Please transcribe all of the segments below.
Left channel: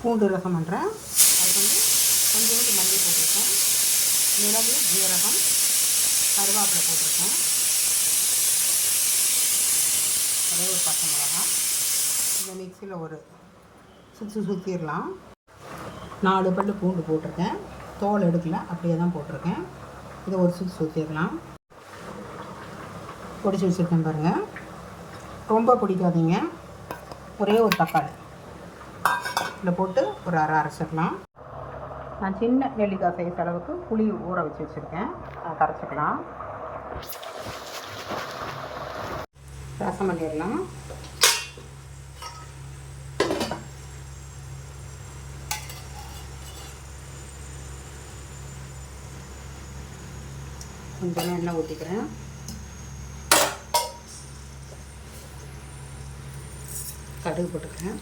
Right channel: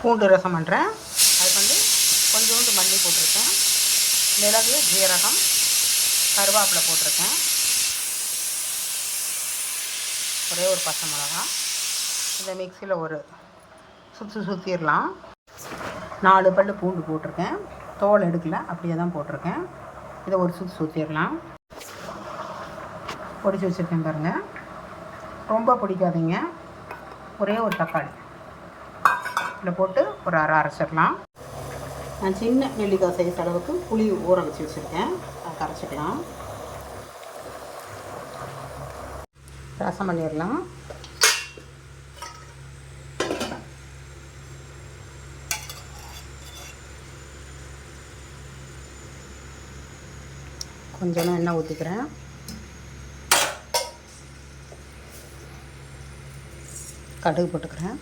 பூண்டு ரசம் பண்ணுறேன். அதுக்கு வந்து கொஞ்சோண்டு மல்லி போட்டிருக்கேன், மிளகு, ஜீரகம், கருவேப்பிலை போட்டிருக்கேன், ஒரே ஒரு பச்சை மிளகா. இந்த மிக்சியில் ஒரு சுற்றிடலாம். 4 பல் பூண்டு போட்டிருக்கேன், தோல் எடுக்கல, அப்படியே தான் போட்டிருக்கேன். இதை ஒரு சுற்றிடலாம். பொடிச்சு வச்சுருக்கேன் பாருங்கள். ரொம்ப பிடிக்காதீங்க. ஒரே ஒரு தக்காளி இதில் போட்டு ஒரு அரைச்சிடலாம். நான் சின்ன நெல்லிக்காய் சைஸ் அளவுக்கு புளி ஊற வச்சு வச்சுருக்கேன், அதை கரைச்சிக்கலாம். ரசம் பண்ணிடலாம். கொஞ்சமாக எண்ணெய் ஊற்றிக்கிறேன். கடுகு போட்டுக்கிறேன்.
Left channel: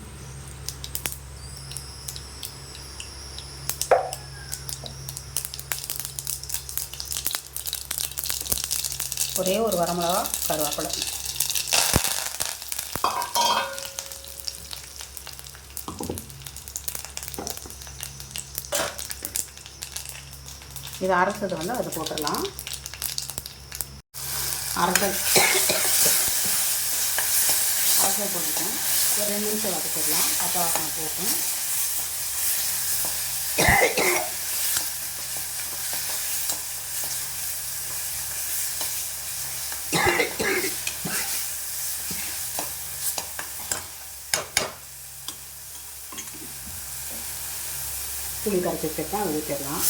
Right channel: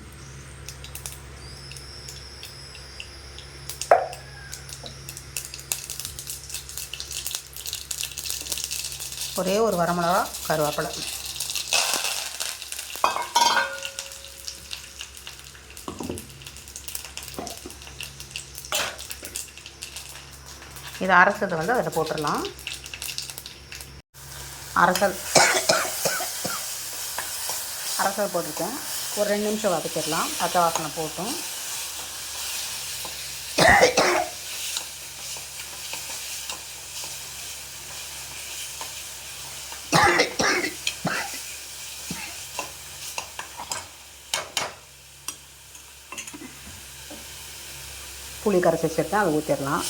ஒரே ஒரு வரமிளகா, கருவேப்பிலை. இதை அரைச்சதை வந்து அதில் போட்டுடலாம். அரைச்சல் போட்டுட்டேன். ஒரு 2 நிமிஷம் வதக்கிடலாம். பச்சை வாசனை போட்டும். புளி கரைச்சி வச்சுருக்கேன், அதை ஊற்றிடலாம்.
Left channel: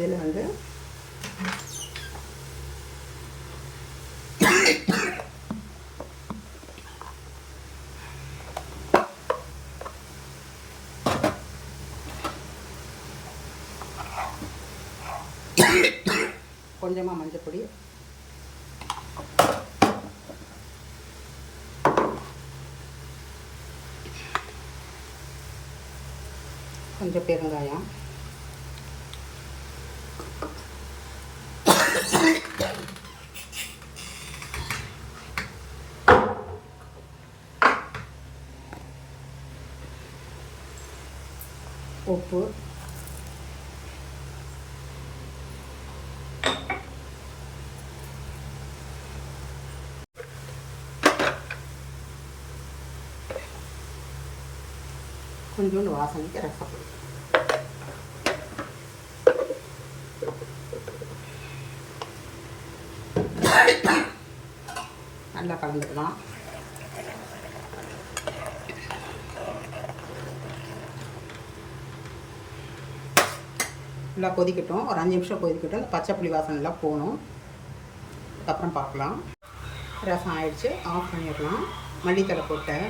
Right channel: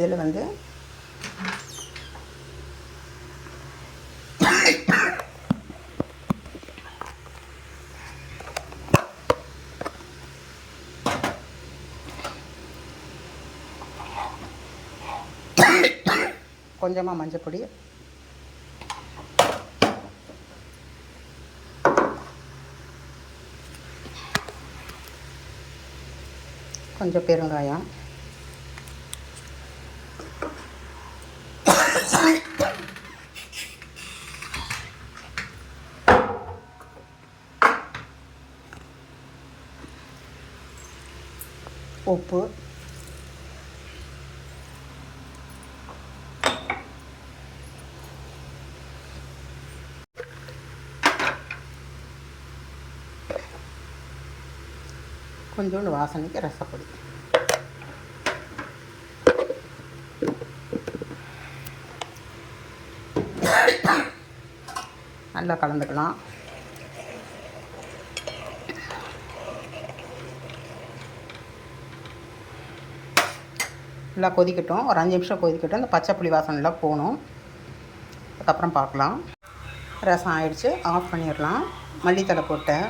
இதில் வந்து கொஞ்சமாக மஞ்சள் பொடி, கொஞ்சம் பெருங்காயம், உப்பு, கொஞ்சோண்டு வாசனைக்கு ரசப்பொடி. நல்லா கலந்துக்கலாம். நல்லா கொதிக்கட்டும். ஒரு 5 நிமிஷம் கொதிக்கட்டும். இந்த பச்சை புளி வாசனைலாம் போகணும். அதுக்கப்புறம் பார்க்கலாம். ரசம் ஆயிடுச்சு. ஆஃப் பண்ணிடலாம். மல்லித்தலை போட்டேன்.